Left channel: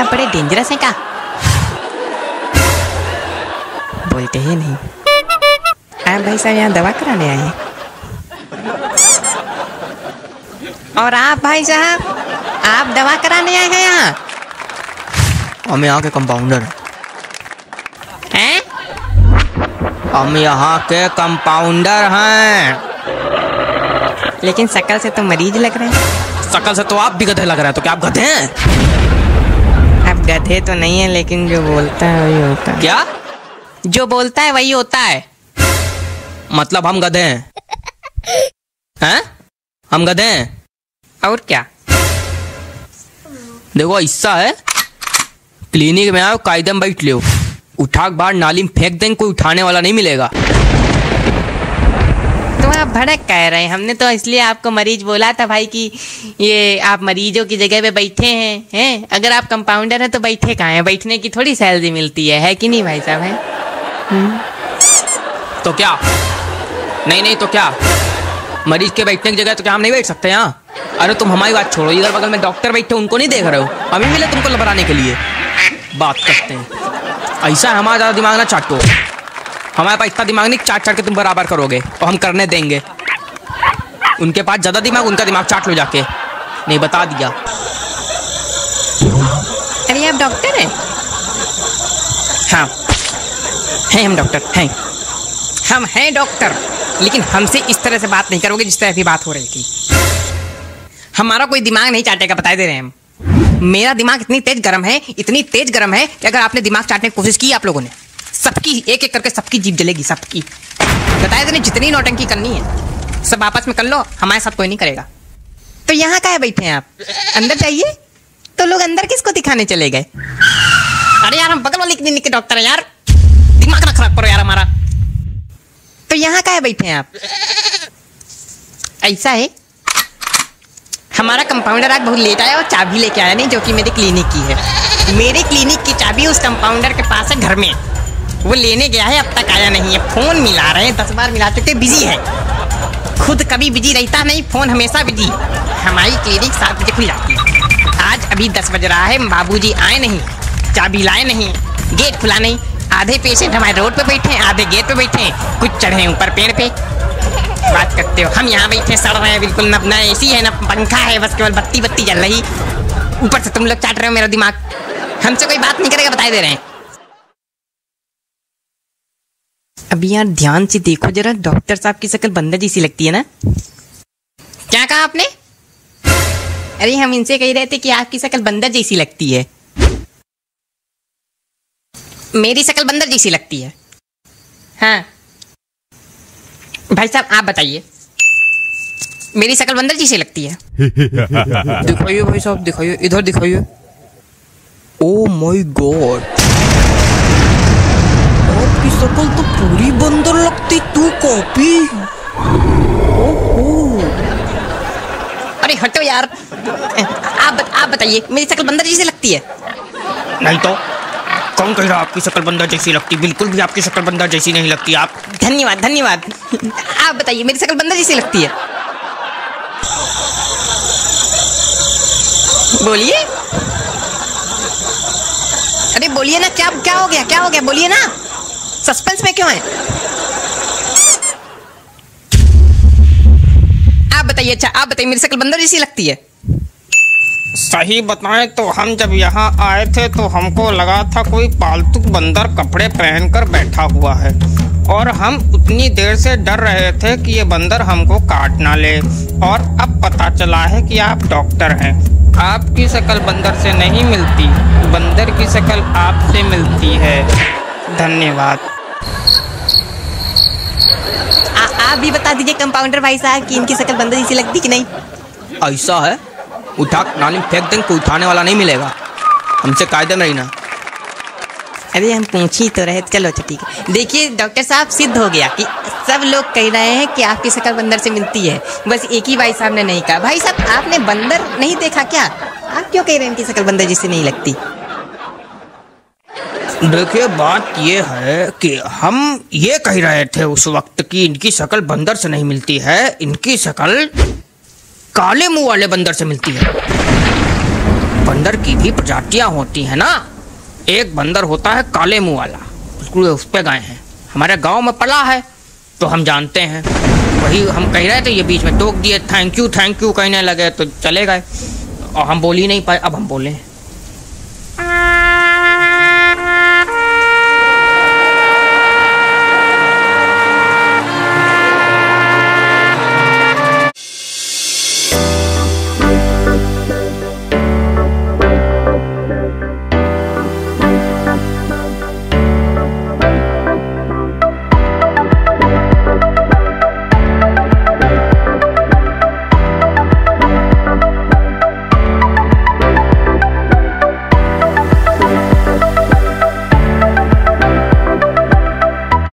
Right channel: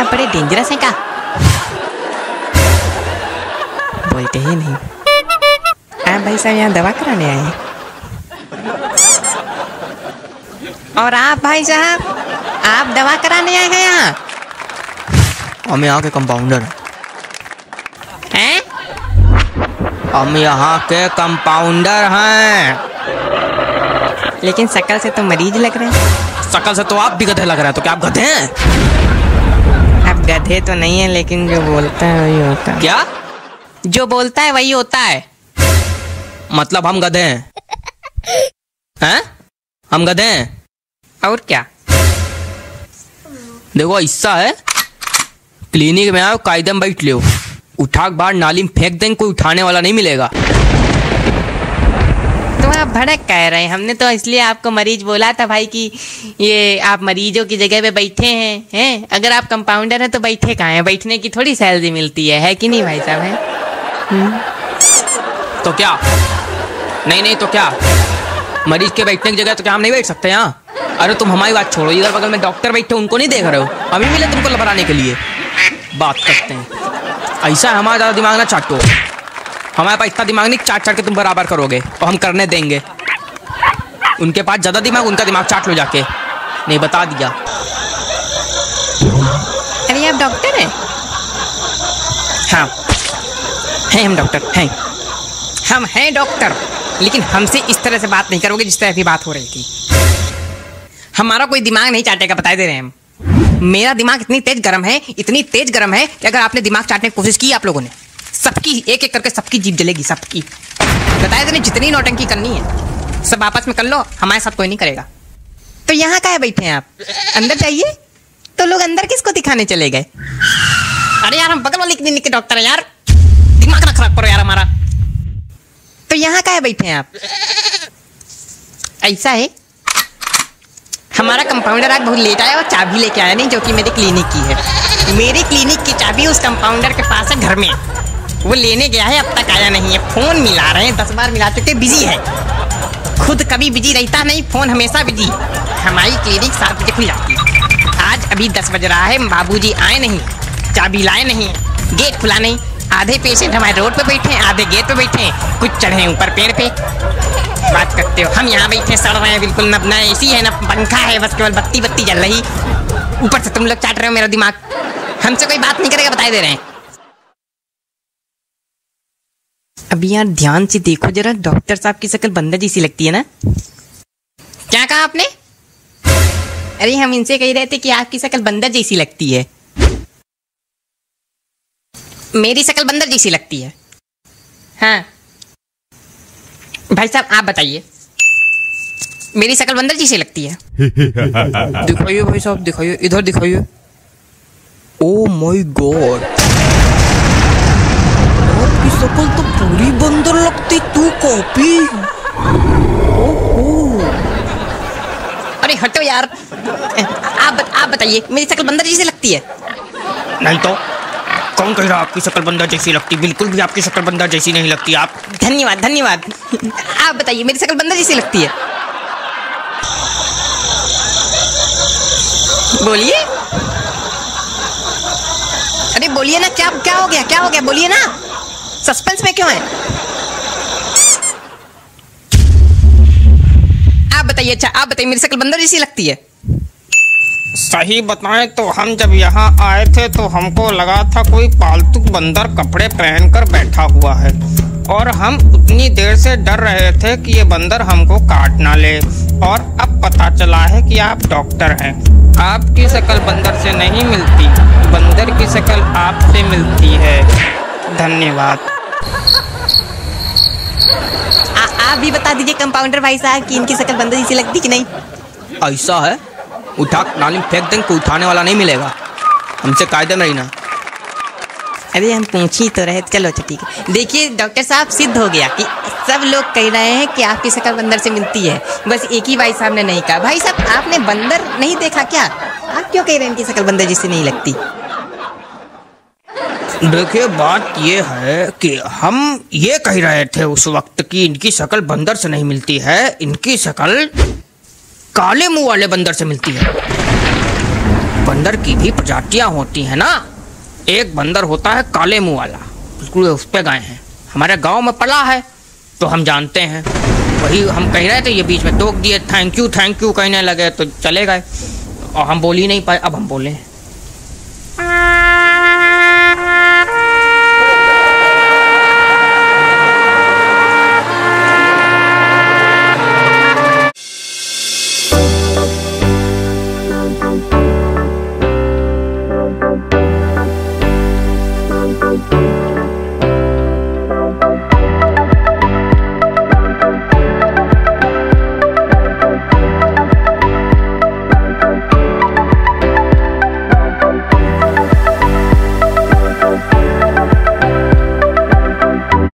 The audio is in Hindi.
साहब बड़े डेंजरस है का? बोलते ही नहीं। आप भाई साहब यहाँ दवा कराने आए हैं? और आप भाई साहब, आप दवा कराने आए हैं यहाँ? हम यहाँ के कंपाउंडर हैं? हम यहाँ के कंपाउंडर हैं। लेकिन शक्ल से तो मरीज लग रहे हैं। शक्ल से तो आप भी गधे लग रहे हैं, तो क्या आप गधे हैं? आप गधे तो नहीं है, लेकिन जो बोलता है वही होता है। क्या? जो बोलता है वही होता है। मतलब हम गधे हैं? हैं? हम गधे हैं? और क्या? देखो ऐसा है, क्लिनिक में आओ, कायदे में बैठ लो, उठाक बाहर नाली में फेंक देंगे, कोई उठाने वाला नहीं मिलेगा। तो आप भड़क कह रहे हैं? हमने तो इसलिए आपको मरीज बोला था भाई कि ये आप मरीजों की जगह पे बैठे हैं। अगर आप कंपाउंडर हैं तो बैठे कहाँ हैं? बैठने की थोड़ी सैलरी मिलती है कि नहीं भाई साहब? है तो क्या? नहीं तो क्या, मरीज के बैठने की जगह तो क्या हम नहीं बैठ सकते यहाँ? अरे तुम हमारी बात छोड़ो, इधर बगल में डॉक्टर बैठे, उनको नहीं देख रहे हो? हम ही मिले तुमको बनाने के लिए बात करते हैं। ऐसा हमारा दिमाग ना चाटो, हमारे पास इतना दिमाग नहीं चाट के तुम बराबर करोगे, और हम करने देंगे। उनके पास ज्यादा दिमाग, उनके दिमाग चाट लो जाके। नहीं बता दिया। अरे आप डॉक्टर हैं? हाँ हम डॉक्टर हैं। हम हैं डॉक्टर, लेकिन हमसे इस तरह से बात नहीं करोगे जिस तरह की बात हो रही थी। हमारा कोई दिमाग नहीं चाटेगा, बता दे रहे हैं हम। मेरा दिमाग इतनी तेज गर्म है, इतनी तेज गर्म है कि अगर आपने दिमाग चाटने की कोशिश की आप लोगों ने, सबकी एक एक करके सबकी जीभ जलेगी, सबकी। बताए तो नहीं, जितनी नौटंकी करनी है सब आपस में कर लो, हमारे साथ कोई नहीं करेगा। तो यहाँ काहे बैठे हैं आप? अंदर जाइए। तो लोग अंदर किसको दिखाने चले गए? अरे यार, हम बगल वाले क्लिनिक के डॉक्टर है यार, दिमाग रखना पड़ो यार हमारा। तो यहाँ काहे बैठे हैं आप? ऐसा है, हमारा कंपाउंडर आज बहुत लेट आया और चाबी लेके आया नहीं, जो कि मेरी क्लिनिक की है। मेरी क्लिनिक की चाबी उस कंपाउंडर के पास है घर में, वो लेने गया है, अब तक आया नहीं है। फोन मिला रहे, 10 बार मिला चुके, बिजी है। खुद कभी बिजी रहता नहीं, फोन हमेशा बिजी। हमारी क्लिनिक 7 बजे खुला, आज अभी 10 बज रहा है, बाबूजी आए नहीं, चाबी लाए नहीं, गेट खुला नहीं। आधे पेशेंट हमारे रोड पे बैठे हैं, आधे गेट पे बैठे हैं, कुछ चढ़े ऊपर पेड़ पे। बात करते हो, हम यहाँ बैठे सड़ रहे हैं, बिल्कुल न एसी है न पंखा है, बस केवल बत्ती जल रही। ऊपर से तुम लोग चाट रहे हो मेरा दिमाग। हमसे कोई बात नहीं करेगा, बता दे रहे हैं। अभी यार ध्यान से देखो जरा, डॉक्टर साहब की शक्ल बंदर जैसी लगती है ना? क्या कहा आपने? अरे हम इनसे कह रहे थे कि आपकी शक्ल बंदर जैसी लगती है। मेरी शक्ल बंदर जैसी लगती है? हाँ भाई साहब, आप बताइए, मेरी शक्ल बंदर जैसी लगती है? दिखाइए भाई साहब, दिखाइए, इधर दिखाइए। ओह माय गॉड, आपकी शक्ल तो पूरी बंदर लगती, तू कॉपी। अरे हटो यार, आप बताइए, मेरी शक्ल बंदर जैसी लगती है? नहीं तो कौन कह रहा है आपकी शक्ल बंदर जैसी लगती? बिल्कुल भी आपकी शक्ल बंदर जैसी नहीं लगती। आप धन्यवाद। आप बताइए, मेरी शक्ल बंदर जैसी लगती है? बोलिए, अरे बोलिए ना, क्या हो गया, बोलिए ना, सस्पेंस में क्यों? आप बताइए। अच्छा आप बताइए, मेरी शक्ल बंदर जैसी लगती है? सही बताएं तो हम जब यहाँ आए थे तो हमको लगा था कोई पालतू बंदर कपड़े पहनकर बैठा हुआ है, और हम इतनी देर से डर रहे थे कि ये बंदर हमको काट ना ले, और अब पता चला है कि आप डॉक्टर हैं। आपकी शक्ल बंदर से नहीं मिलती, बंदर की शक्ल आपसे मिलती है। धन्यवाद। आप भी बता दीजिए कंपाउंडर भाई साहब कि इनकी शक्ल बंदर जैसी लगती कि नहीं? ऐसा है, उठा नाली में फेंक देंगे, कोई उठाने वाला नहीं मिलेगा, हमसे कायदे नहीं ना। अभी हम पूछ ही तो रहे, चलो ठीक है। देखिए डॉक्टर साहब, सिद्ध हो गया कि सब लोग कह रहे हैं कि आपकी शक्ल बंदर से मिलती है, बस एक ही भाई साहब ने नहीं कहा। भाई साहब, आपने बंदर नहीं देखा क्या? आप क्यों कह रहे हैं इनकी शक्ल बंदर जैसी नहीं लगती? देखिए बात ये है कि हम ये कह रहे थे उस वक्त कि इनकी शक्ल बंदर से नहीं मिलती है, इनकी शक्ल काले मुंह वाले बंदर से मिलती है। बंदर की भी प्रजातियां होती है ना। एक बंदर होता है काले मुंह वाला, बिल्कुल उस पे गए हैं, हमारे गांव में पला है तो हम जानते हैं। वही हम कह रहे थे, ये बीच में टोक दिए, थैंक यू कहने लगे तो चले गए और हम बोल ही नहीं पाए। अब हम बोले